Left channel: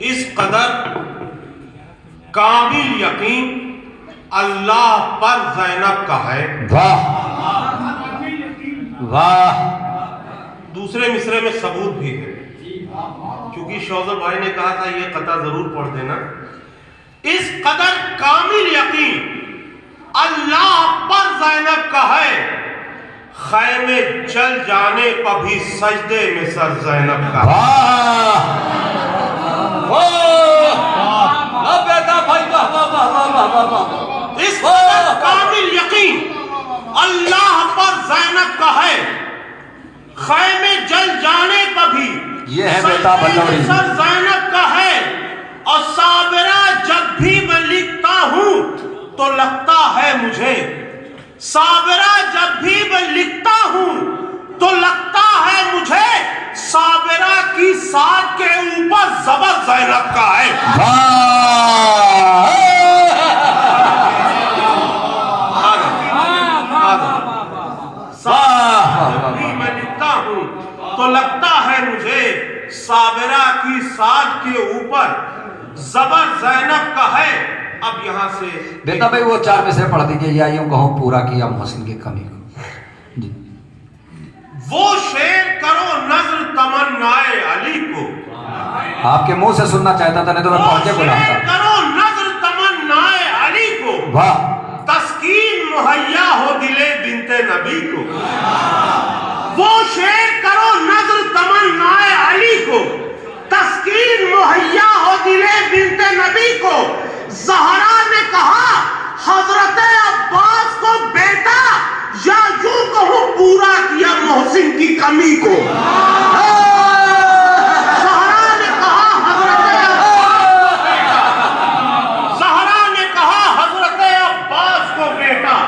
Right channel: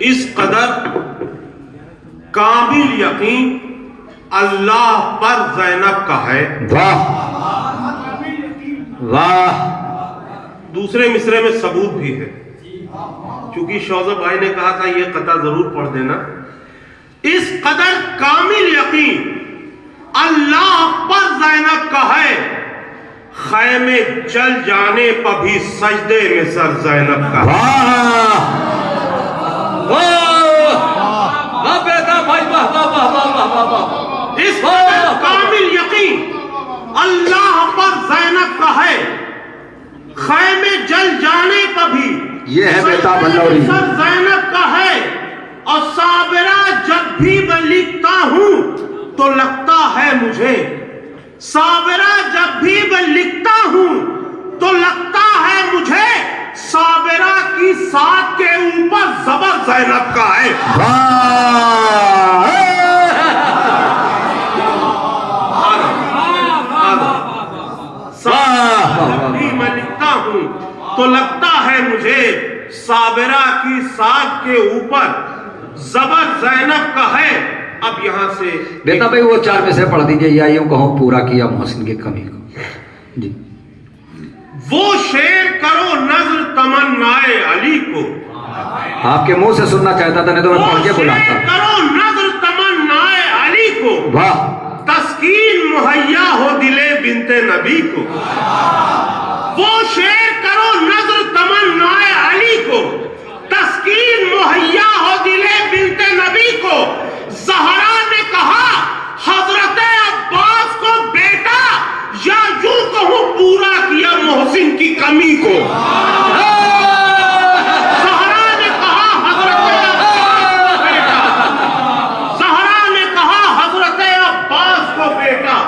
اس قدر کامل یقین اللہ پر زینب کا ہے. واہ واہ. دوسرے مصرے میں ثبوت بھی ہے، چونکہ شوذب بھائی نے کہا تھا یہ قطعہ ضرور پڑھ دینا. اس قدر کامل یقین اللہ پر زینب کا ہے، خیمے چل جانے پر بھی سجدے میں سر زینب کا ہے. اس قدر کامل یقین اللہ پر زینب کا ہے، خیمے جل جانے پر بھی یہ ہے بیٹا بلوری سر زینب کا ہے. اور صابرہ جب بھی میں لکھتا ہوں تو لگتا ہے مجھے، صابرہ جب بھی میں لکھتا ہوں تو لگتا ہے مجھے صابرہ کی ساتھ کے اوپر زبر زینب کا ہے. جب بھی میں لکھتا ہوں تو لگتا ہے مجھے صابرہ کی ساتھ کے اوپر زبر زینب کا ہے. اب یہاں سے بیٹا بھائی وہ چار میں سے پڑھ دیجئے، یا یوں کہوں پورا کیا محسن کی کمی کو. جی وہ شعر کرو نظر تمنائے علی کو، آپ کے منہ سے سننا چاہتا تھا، نہیں تو میں پڑھ کے بلاتا. کرو نظر تمنائے علی کو، واہ. تسکین مہیا ہو دلے بنت نبی کو. وہ شعر کرو نظر تمنائے علی کو، تسکین مہیا ہو دلے بنت نبی کو. زہرا نے کہا حضرت عباس کو بیٹا، یا یوں کہوں پورا کیا محسن کی کمی کو. زہرا نے کہا حضرت عباس کو بیٹا، زہرا نے کہا حضرت عباس کو بیٹا،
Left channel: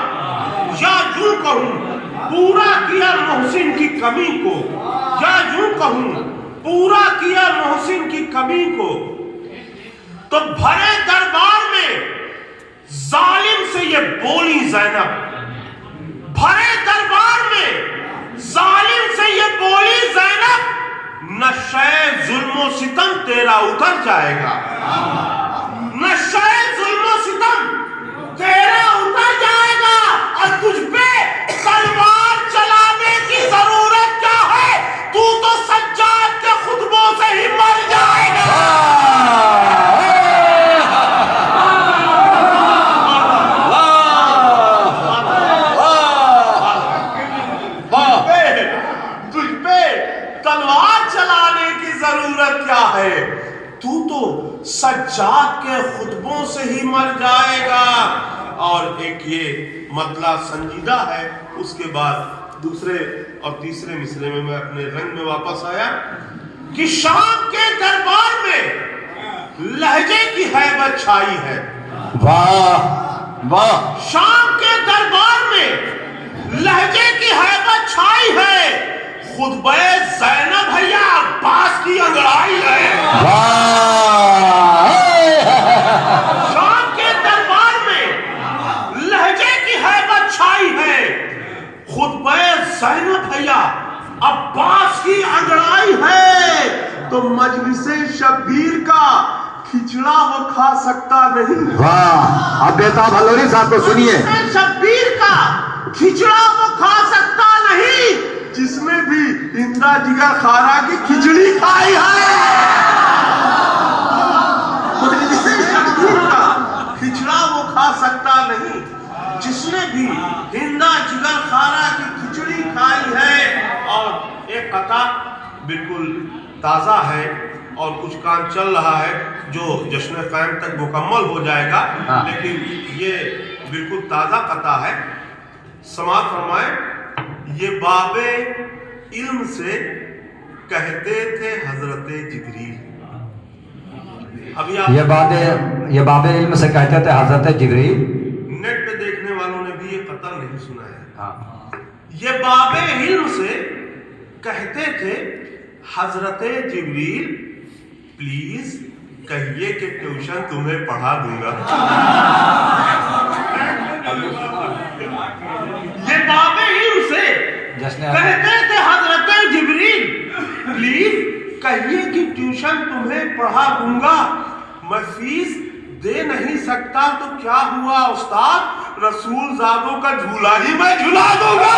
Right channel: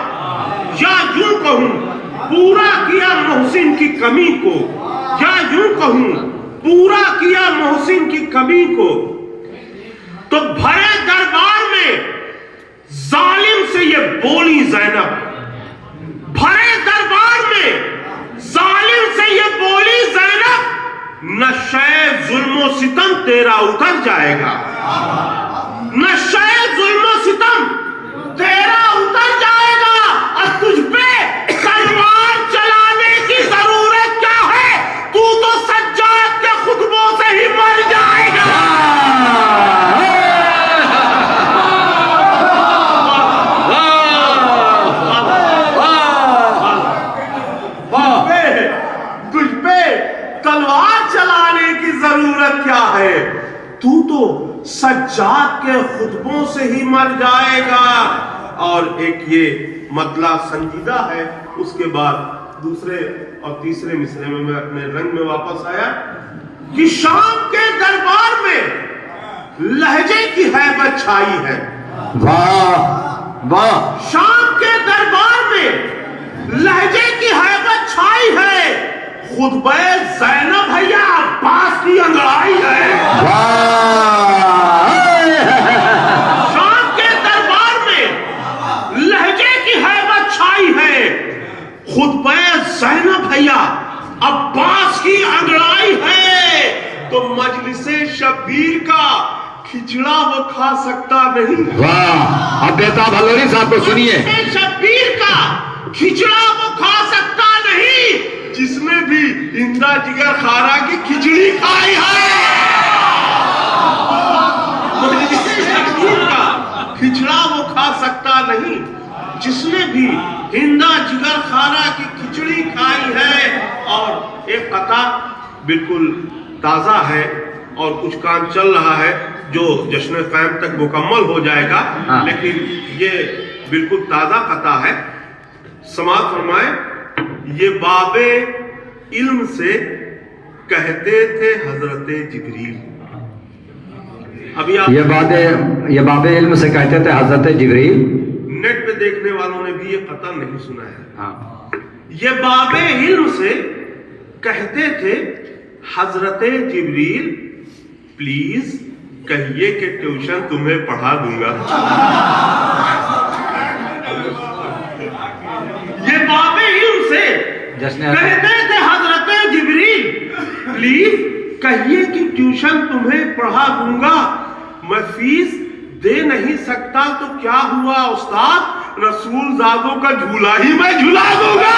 یا یوں کہوں پورا کیا محسن کی کمی کو، یا یوں کہوں پورا کیا محسن کی کمی کو. تو بھرے دربار میں ظالم سے یہ بولی زینب، بھرے دربار میں ظالم سے یہ بولی زینب، نشے ظلم و ستم تیرا اتر جائے گا، نشے ظلم و ستم تیرا اتر جائے گا. اور تجھ پہ تلوار چلانے کی ضرورت کیا ہے، تو سجاد کے خطبوں سے ہی مر جائے گا. تجھ پہ تلوار چلانے کی ضرورت کیا ہے، تو سجاد کے خطبوں سے ہی مر جائے گا. اور ایک یہ مطلع سنجیدہ ہے. اس کے بعد دوسرے اور تیسرے مصرے میں میں اپنے رنگ میں واپس آیا کہ شام کے دربار میں لہجے کی ہیبت چھائی ہے. واہ واہ. شام کے دربار میں لہجے کی ہیبت چھائی ہے، خطبہ زینب ہے یا عباس کی انگڑائی ہے. شام کے دربار میں لہجے کی ہیبت چھائی ہے، خطبہ زینب ہے یا عباس کی انگڑائی ہے. تو مجلس شبیر کا کھچڑا وہ کھا سکتا نہیں. واہ. اب بیتا بھلوری صاحب کو سنیے. مجلس شبیر کا کھچڑا وہ کھا سکتا نہیں جس نے بھی ہندا جگر خارا کی کھچڑی کھائی ہے. مجلس شبیر کا کھچڑا وہ کھا سکتا نہیں جس نے بھی ہندا جگر خارا کی کھچڑی کھائی ہے. اور ایک قطعہ بالکل تازہ ہے اور کچھ کام چل رہا ہے جو جشن قائم تک مکمل ہو جائے گا، لیکن یہ بالکل تازہ قطعہ ہے. سماعت فرمائیں. یہ باب علم سے کہتے تھے حضرت جبریل. ابھی آپ یہ باب علم سے کہتے تھے حضرت جبریل. نیٹ پہ دیکھنے والوں نے بھی یہ قطعہ نہیں سنا ہے. یہ باب علم سے کہتے تھے حضرت جبریل، پلیز کہیے کہ ٹیوشن تمہیں پڑھا دوں گا. یہ باب علم سے کہتے تھے حضرت جبریل، پلیز کہیے کہ ٹیوشن تمہیں پڑھا دوں گا، میں فیس دے نہیں سکتا تو کیا ہوا استاد، رسول زادوں کا جھولا ہی میں جھلا دوں گا۔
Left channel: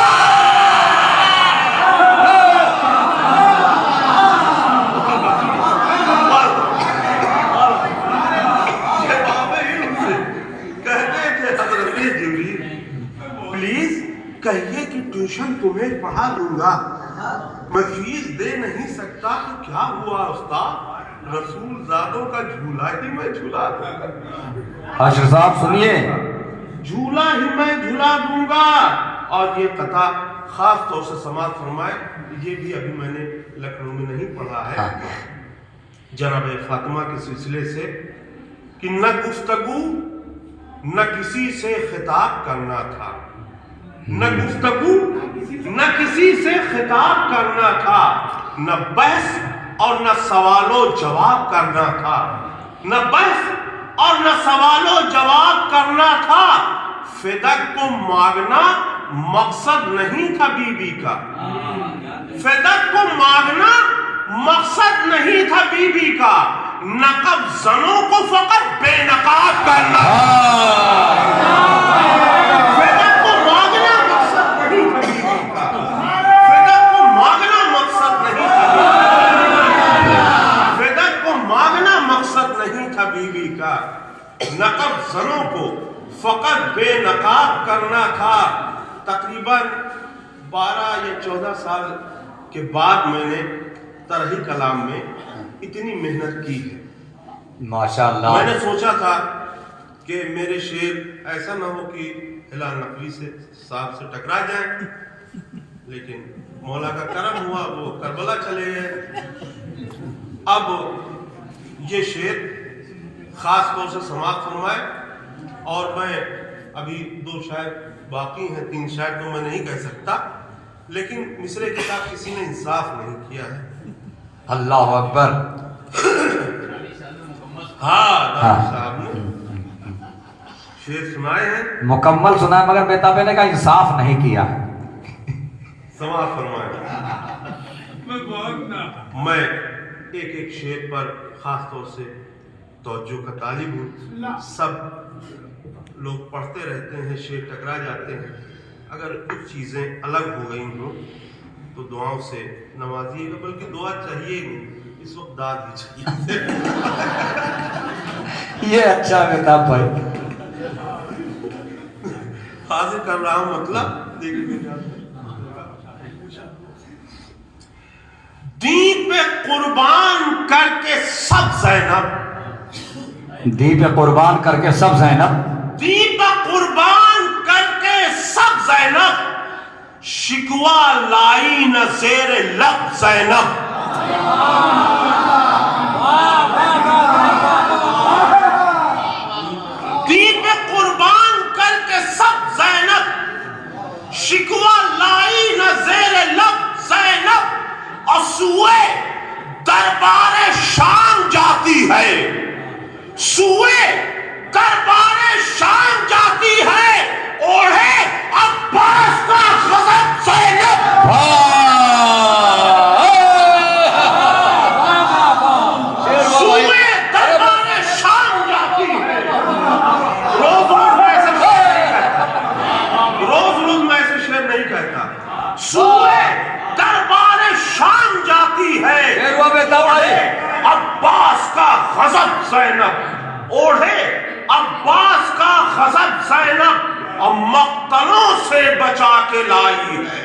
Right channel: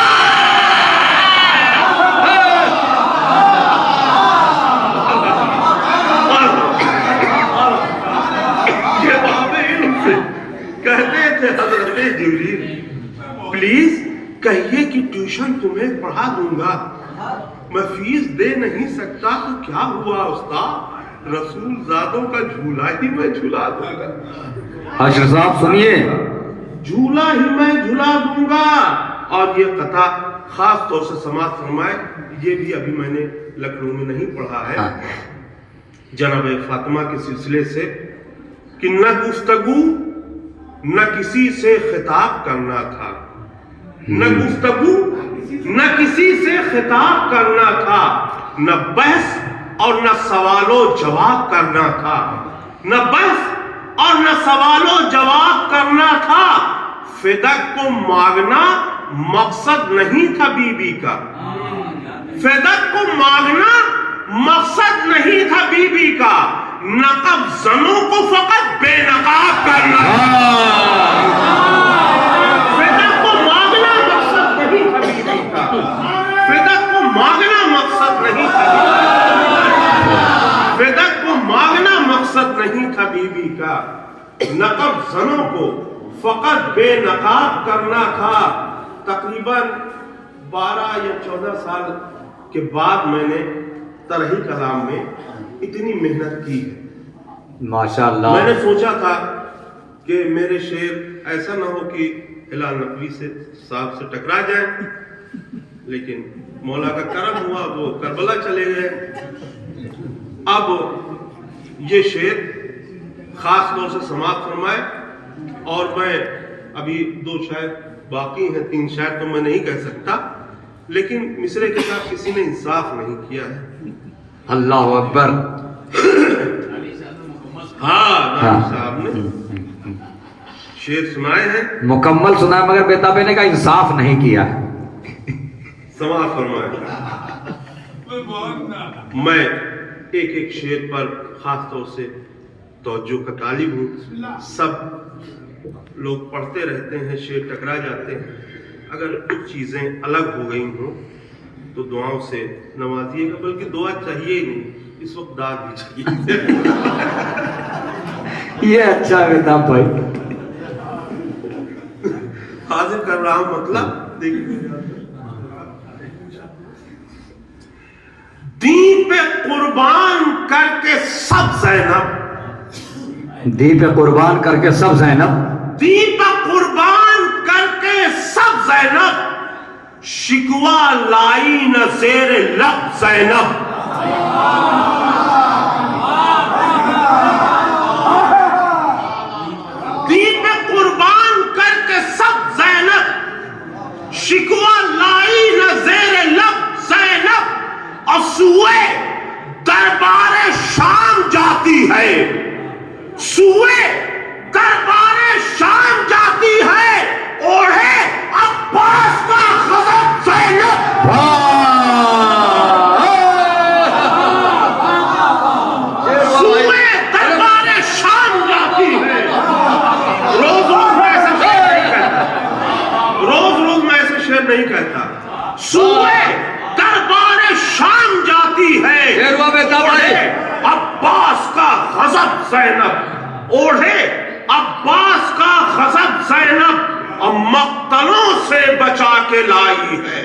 کہتے تھے حضرت جبریل پلیز کہیے کہ ٹیوشن تمہیں پڑھا دوں گا، میں فیس دے نہیں سکتا تو کیا ہوا استاد، رسول زادوں کا جھولا ہی میں جھلا دوں گا۔ حاشر صاحب سنیے، جھولا ہی میں جھلا دوں گا۔ اور یہ قطع خاص طور سے سماعت فرمائے، یہ بھی ابھی میں نے لکھنؤ میں نہیں پڑھا ہے، جناب فاطمہ کے سلسلے سے، کہ نہ گفتگو نہ کسی سے خطاب کرنا تھا، نہ گفتگو نہ کسی سے خطاب کرنا تھا، نہ بحث اور نہ سوال و جواب کرنا تھا، نہ بحث اور نہ سوال و جواب کرنا تھا، فدق کو مانگنا مقصد نہیں تھا بی بی کا، فدق کو مانگنا مقصد نہیں تھا بی بی کا، نقب زنوں کو فقط بے نقاب کرنا، فدق کو مانگنا مقصد نہیں تھا بی بی کا، فدق کو مانگنا مقصد نہیں تھا، فدق کو مانگنا مقصد نہیں تھا بی بی کا، نقب زنوں کو فقط بے نقاب کرنا تھا۔ تقریباً 12 یا 14 سال کے بعد میں نے طرحی کلام میں اتنی محنت کی ہے۔ ماشاءاللہ، میں نے سوچا تھا کہ میرے شعر ایسا نہ ہو کہ ہلال نقوی سے صاحب سے ٹکرا جائیں، لیکن مولا کا کرم ہوا، وہ کربلا چلے گئے۔ اب یہ شعر خاص طور سے سماعت فرمائے، اور میں ابھی 2 شاعر باقی ہیں، 3 شاعر تو میں نہیں کہہ سکتا، لیکن مصرے کے ساتھ کسی نے انصاف نہیں کیا ہے۔ اللہ اکبر۔ ہاں داؤد صاحب نے شعر سنائے ہیں، مکمل سنا، مگر بیتابے نے کہا انصاف نہیں کیا۔ سماعت فرمائے۔ میں ایک ایک شعر پر خاص طور سے توجہ کا طالب ہوں، سب لوگ پڑھتے رہتے ہیں، شعر ٹکرا جاتے ہیں، اگر کچھ چیزیں الگ ہو گئی ہوں تو دعاؤں سے نوازیے گا، بلکہ دعا چاہیے ہی نہیں، اس وقت داد ہی چاہیے۔ یہ اچھا بیتاب بھائی، حاضر کر رہا ہوں مطلب دیکھیے، دین پہ قربان کر کے سب زینب، دین پہ قربان کر کے سب زینب، دین پہ قربان کر کے سب زینب، شکوہ لائی نہ زیر لب زینب، دین پہ قربان کر کے سب زینب، شکوہ لائی نہ زیر لب زینب، سوئے دربار شام جاتی ہے، سوئے دربار شام جاتی ہے، اوڑھے عباس کا غضب زینب، سوئے دربار شام جاتی ہے۔ روز روز میں ایسے شعر نہیں کہتا، سوئے دربار شام جاتی ہے، اوڑھے عباس کا غضب زینب، اوڑھے عباس کا غضب زینب، اب مقتلوں سے بچا کے لائی ہے،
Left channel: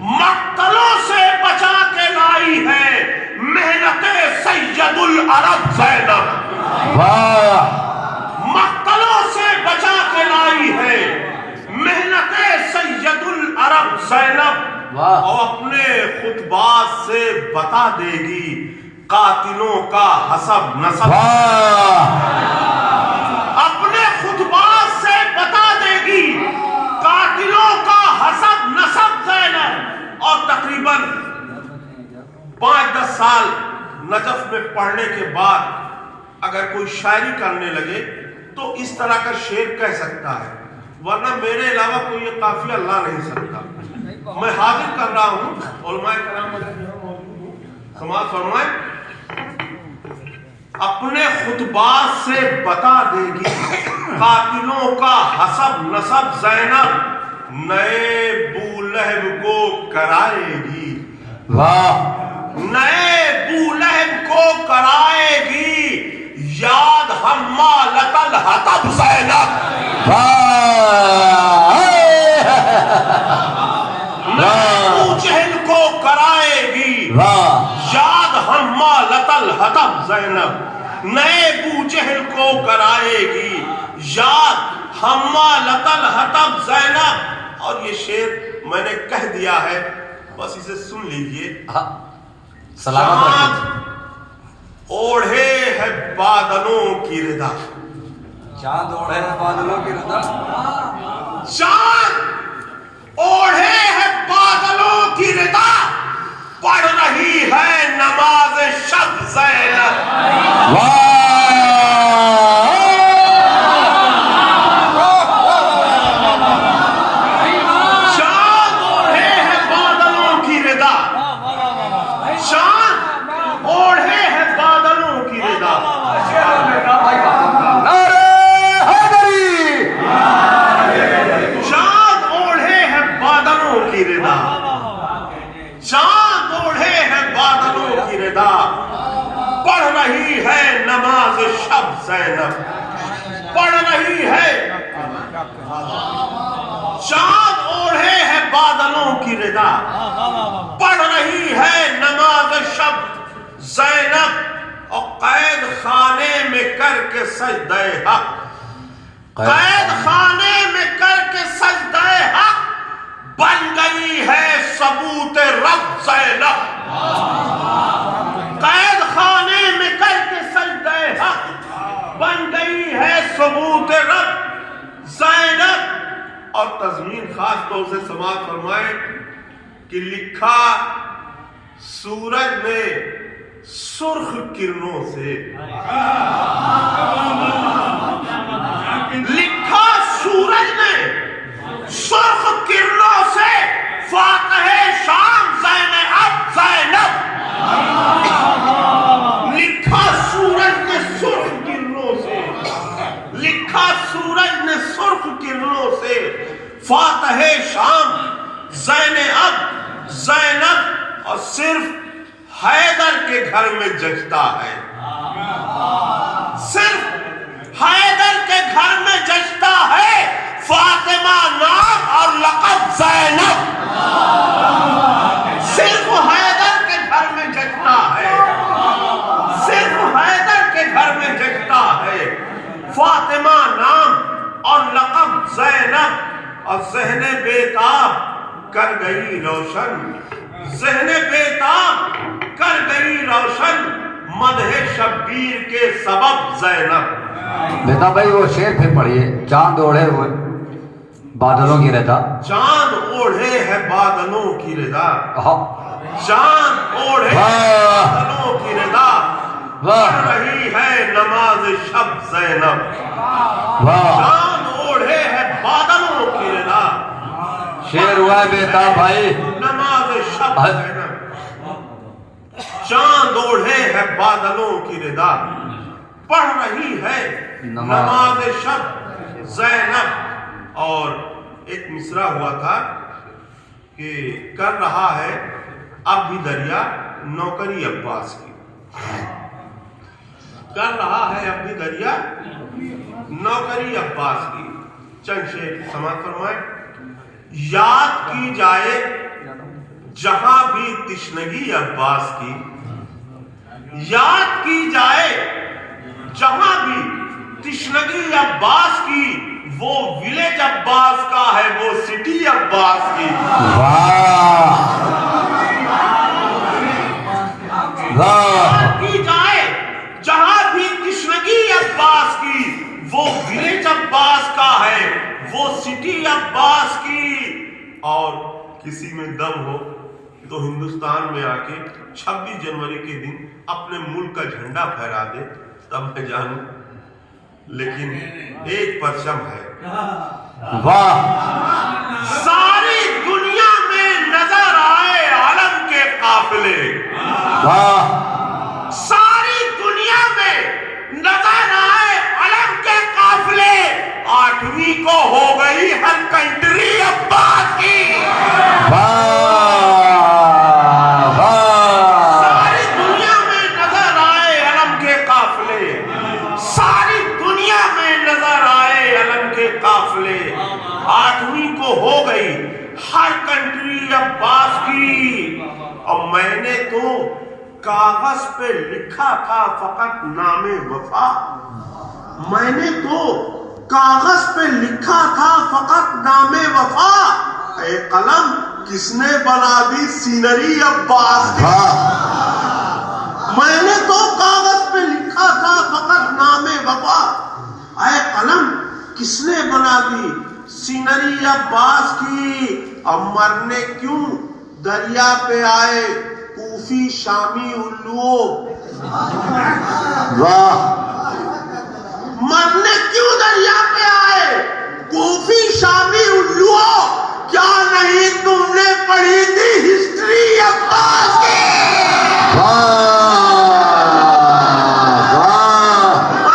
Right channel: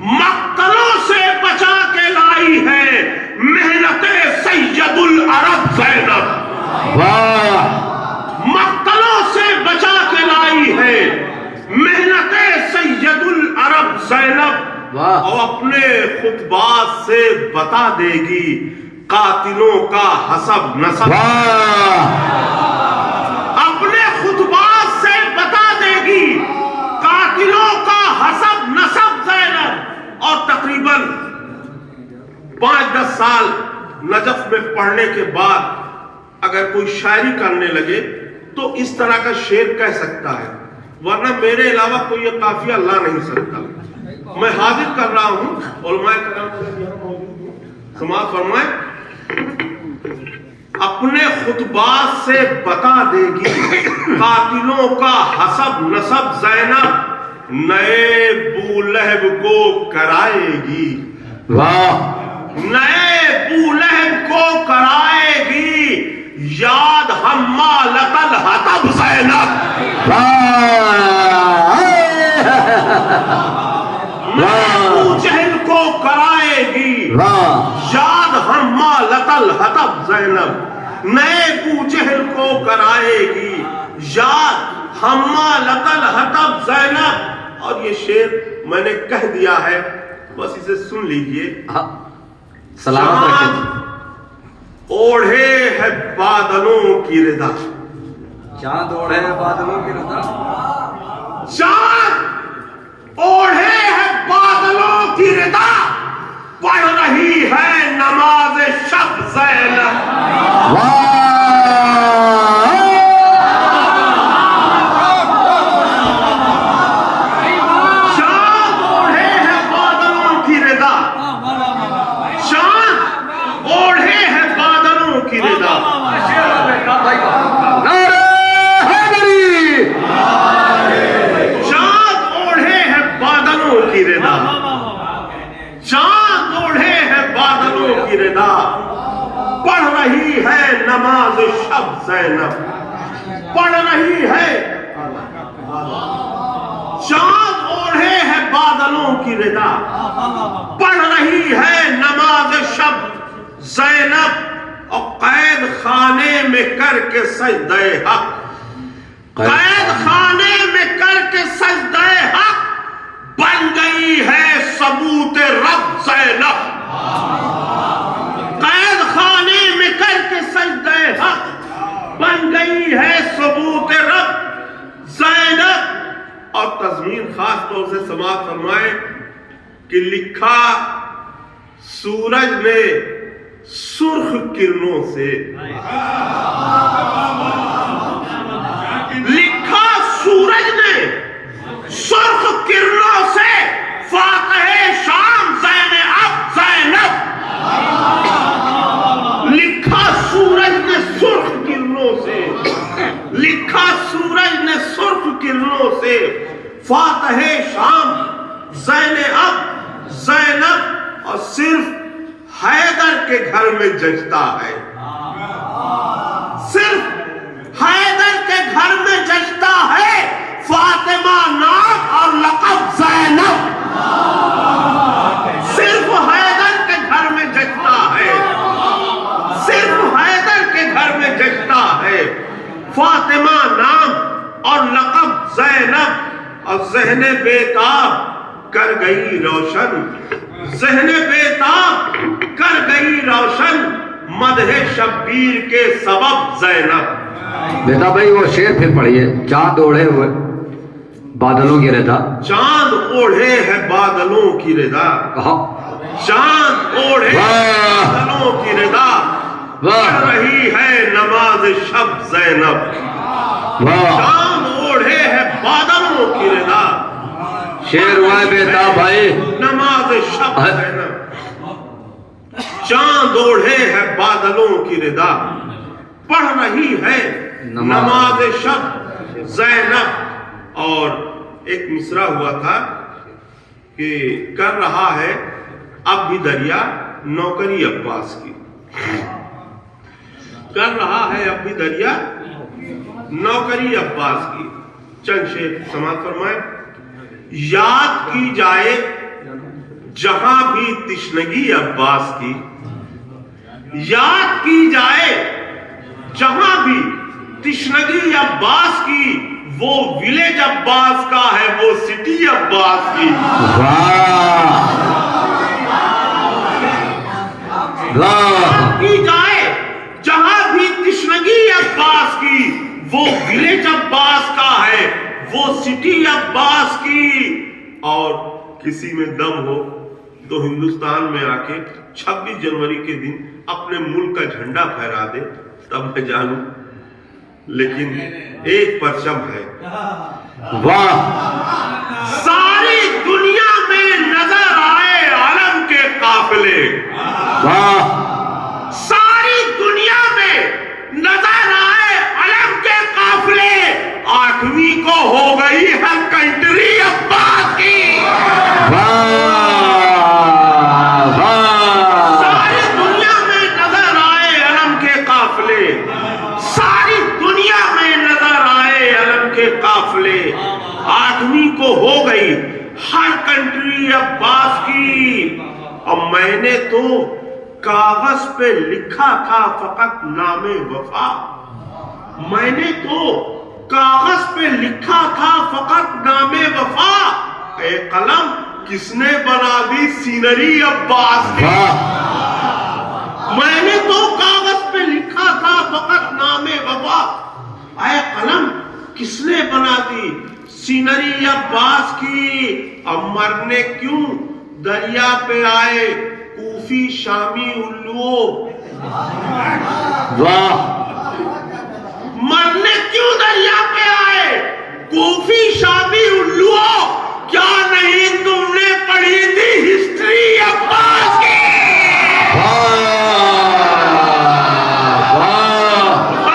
مقتلوں سے بچا کے لائی ہے، محنت سید العرب زینب، مقتلوں سے بچا کے لائی ہے، محنت سید العرب زینب، اور اپنے خطبات سے بتا دے گی قاتلوں کا حسب نسب، اپنے خطبات سے بتا دے گی قاتلوں کا حسب نسب زینب۔ اور تقریباً 5-10 سال نجف میں پڑھنے کے بعد اگر کوئی شاعری کرنے لگے تو اس طرح کا شعر کہہ سکتا ہے، ورنہ میرے علاوہ کوئی یہ قافیہ لا نہیں سکتا۔ میں حاضر کر رہا ہوں، علماء کرام اگر یہاں موجود ہوں سماعت فرمائیں، اپنے خطبات سے بتا دے گی قاتلوں کا حسب نسب زینب، نئے بولہب کو کرائے گی، واہ نئے بولہب کو کرائے گی یاد حمالۃ الحطب زینب، نئے ابو جہل کو کرائے گی یاد حمالۃ الحطب زینب، نئے ابو جہل کو کرائے گی یاد حمالۃ الحطب زینب۔ اور یہ شعر میں نے کہہ دیا ہے، بس اسے سن لیجئے۔ سلامت چاند رکھیں۔ اوڑھے ہے بادلوں کی ردا، چاند اوڑھے ہے بادلوں کی ردا، چاند اوڑھے ہے بادلوں کی ردا، پڑھ رہی ہے نماز شب زینب، چاند اوڑھے ہے بادلوں کی ردا، چاند اوڑھے ہے بادلوں کی ردا، چاند اوڑھے ہے بادلوں کی ردا، چاند اوڑھے ہے بادلوں کی ردا، پڑھ رہی ہے نماز شب زینب، پڑھ رہی ہے، چاند اوڑھے ہے بادلوں کی ردا، پڑھ رہی ہے نماز شب زینب، اور قید خانے میں کر کے سجدہ حق، قید خانے میں کر کے سجدہ حق، بن گئی ہے ثبوت رب زینب، قید خانے میں کر کے سجدہ حق، بن گئی ہے ثبوت رب زینب۔ اور تضمین خاص طور سے سماعت فرمائیں کہ لکھا سورج نے سرخ کرنوں سے، لکھا سورج نے سرخ کرنوں سے، فاتح شام زینب زینب، لکھا سورج نے سرخ کرنوں سے، لکھا سورج نے سرخ کرنوں سے، فاتح شام زینب زینب، اور صرف حیدر کے گھر میں جچتا ہے، صرف حیدر کے گھر میں جچتا ہے فاطمہ نام اور لقب زینب، صرف حیدر کے گھر میں جچتا ہے، صرف حیدر کے گھر میں جچتا ہے فاطمہ نام اور لقب زینب، اور ذہن بیتاب کر گئی روشن، ذہن بیتاب کر گئی روشن، مدح شبیر کے سبب زینب۔ بیٹا بھائی وہ شعر پھر پڑھیے، چاند اوڑھے ہوئے بادلوں کی ردا، چاند اوڑھے ہے بادلوں کی ردا، چاند اوڑھے بادلوں کی ردا، پڑھ رہی ہے نماز شب زینب، چاند اوڑھے ہے بادلوں کی ردا، شعر ہوا ہے بیٹا بھائی، نماز شب زینب، چاند اوڑھے ہے بادلوں کی ردا، پڑھ رہی ہے نماز شب زینب۔ اور ایک مصرع ہوا تھا کہ کر رہا ہے اب بھی دریا نوکری عباس کی، کر رہا ہے اب بھی دریا نوکری عباس کی۔ چند شعر سماعت فرمائیں۔ یاد کی جائے جہاں بھی تشنگی عباس کی، یاد کی جائے جہاں بھی تشنگی عباس کی، وہ ولیج عباس کا ہے وہ سٹی عباس کی، یاد کی جائے جہاں بھی تشنگی عباس کی، وہ ولیج عباس کا ہے وہ سٹی عباس کی۔ اور کسی میں دم ہو تو ہندوستان میں آ کے 26 جنوری کے دن اپنے ملک کا جھنڈا پھہرا دے، تب میں جانوں، لیکن ایک پرچم ہے، واہ، ساری دنیا میں نظر آئے علم کے قافلے، واہ ساری دنیا میں نظر آئے علم کے قافلے 8ویں کو ہو گئی ہر کنٹری عباس کی ساری دنیا میں نظر آئے علم کے قافلے ساری دنیا میں نظر آئے علم کے قافلے 8ویں کو ہو گئی ہر کنٹری عباس کی اور میں نے تو کاغذ پہ لکھا تھا فقط نام وفا میں نے تو کاغذ پہ لکھا تھا فقط نام وفا اے قلم کس نے بنا دی سینری عباس کی میں نے تو کاغذ پہ لکھا تھا فقط نام وفا اے قلم کس نے بنا دی سینری عباس کی اب مرنے کیوں دریا پہ آئے کوفی شامی الو واہ مرنے کیوں دریا پہ آئے کوفی شامی الو کیا نہیں تم نے پڑھی تھی ہسٹری عباس کی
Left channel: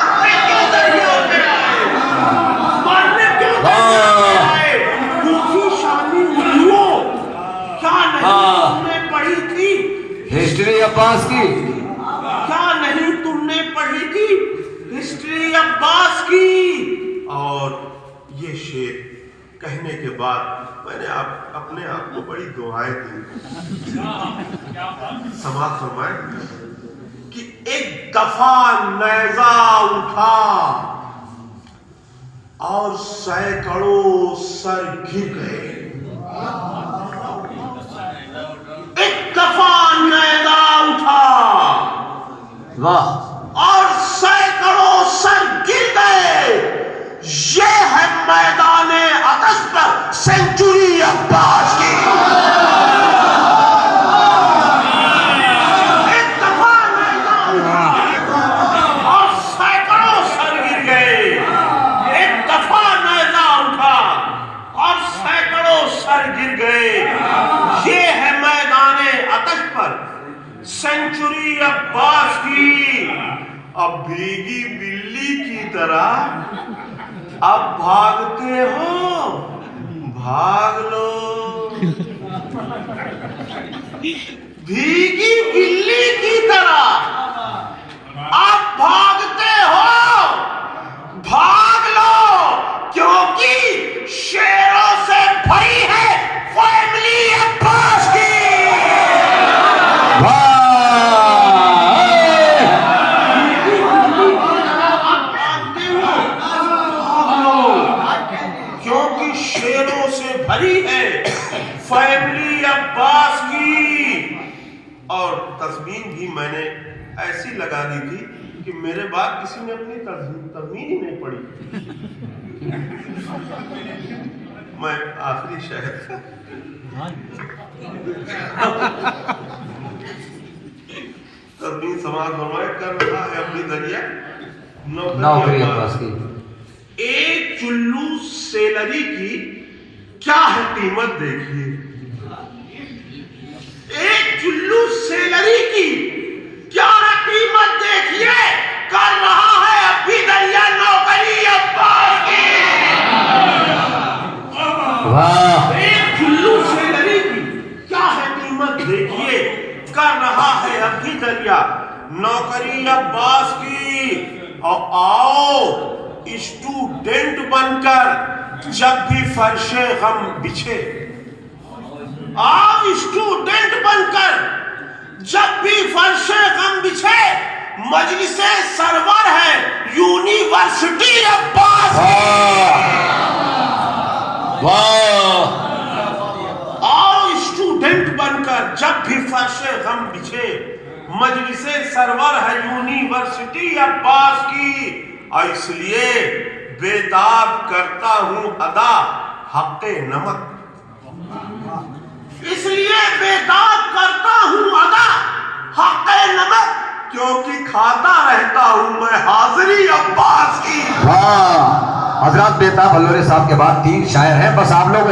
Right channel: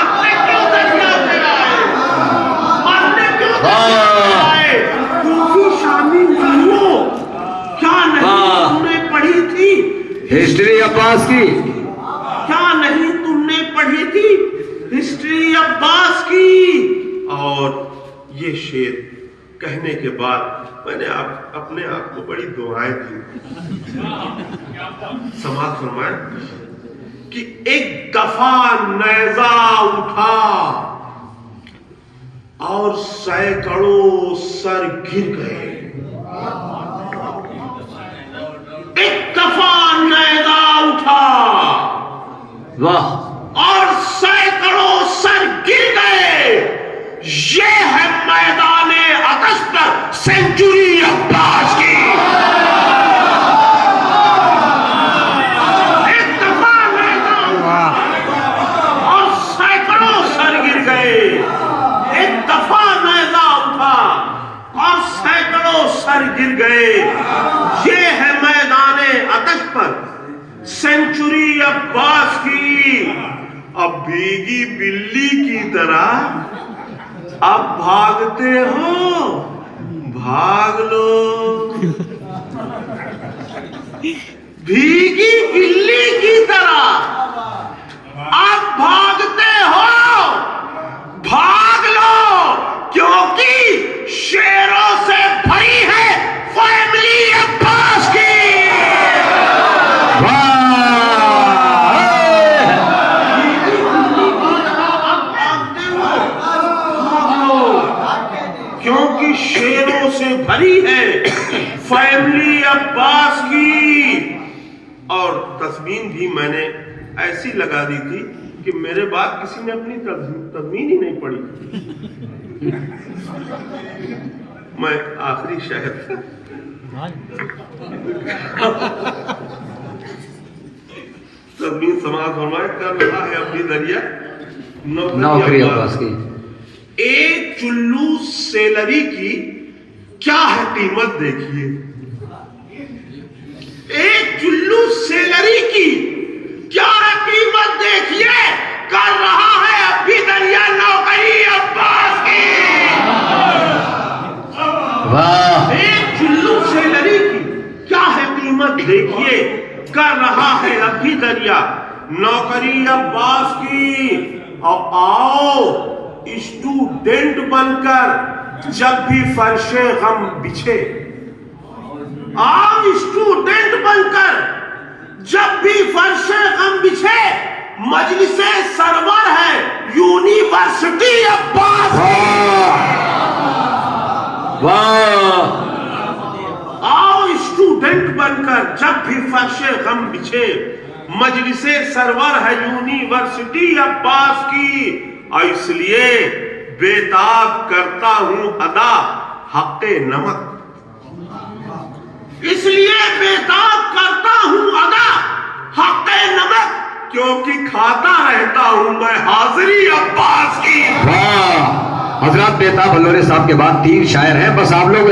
مرنے کیوں دریا پہ آئے مرنے کیوں دریا پہ آئے کوفی شامی الو کیا نہیں تم نے پڑھی تھی ہسٹری عباس کی کیا نہیں تم نے پڑھی تھی ہسٹری عباس کی اور یہ شعر کہنے کے بعد میں نے اپنے آپ کو بڑی دعائیں دی سماعت فرمائیں کہ ایک دفعہ نیزہ اٹھا اور سینکڑوں سر گر گئے ایک دفعہ نیزہ اٹھا واہ اور سینکڑوں سر گر گئے یہ ہے میدان آتش پر سینچری عباس کی ایک دفعہ نیزہ اٹھا اور سینکڑوں سر گر گئے ایک دفعہ نیزہ اٹھا اور سینکڑوں سر گر گئے یہ ہے میدان آتش پر سینچری عباس کی اب بھیگی بلی کی طرح اب بھاگتے ہو بھاگ لو بھیگی بلی کی طرح اب بھاگتے ہو بھاگ لو کیونکہ شیروں سے بھری ہے فیملی عباس کی کیونکہ شیروں سے بھری ہے فیملی عباس کی اور تضمین بھی میں نے ایسی لگا دی تھی کہ میرے بعد کسی نے اپنی تضمین ہی نہیں پڑھی میں آخری شہر تضمین سماعت فرمائے کر رہا ہے اپنی دریا نوکری عباس کی ایک چلو سیلری کی کیا ہے قیمت دیکھیے ایک چلو سیلری کی کیا ہے قیمت دیکھیے کر رہا ہے ابھی دریا نوکری عباس کی ایک چلو سیلری کی کیا ہے قیمت دیکھیے کر رہا ہے ابھی دریا نوکری عباس کی اور آؤ اسٹوڈنٹ بن کر جب بھی فرش غم بچھے آؤ اسٹوڈنٹ بن کر جب بھی فرش غم بچھے مجلس سرور ہے یونیورسٹی عباس آؤ اسٹوڈنٹ بن کر جب بھی فرش غم بچھے مجلس سرور ہے یونیورسٹی عباس کی اور اس لیے بیتاب کرتا ہوں ادا حق نمک اس لیے بیتاب کرتا ہوں ادا حق نمک کیونکہ کھاتا رہتا ہوں میں حاضری عباس کی حضرات بیتاب بلورے صاحب کے بعد 3 شاعر ہیں بس آپ لوگ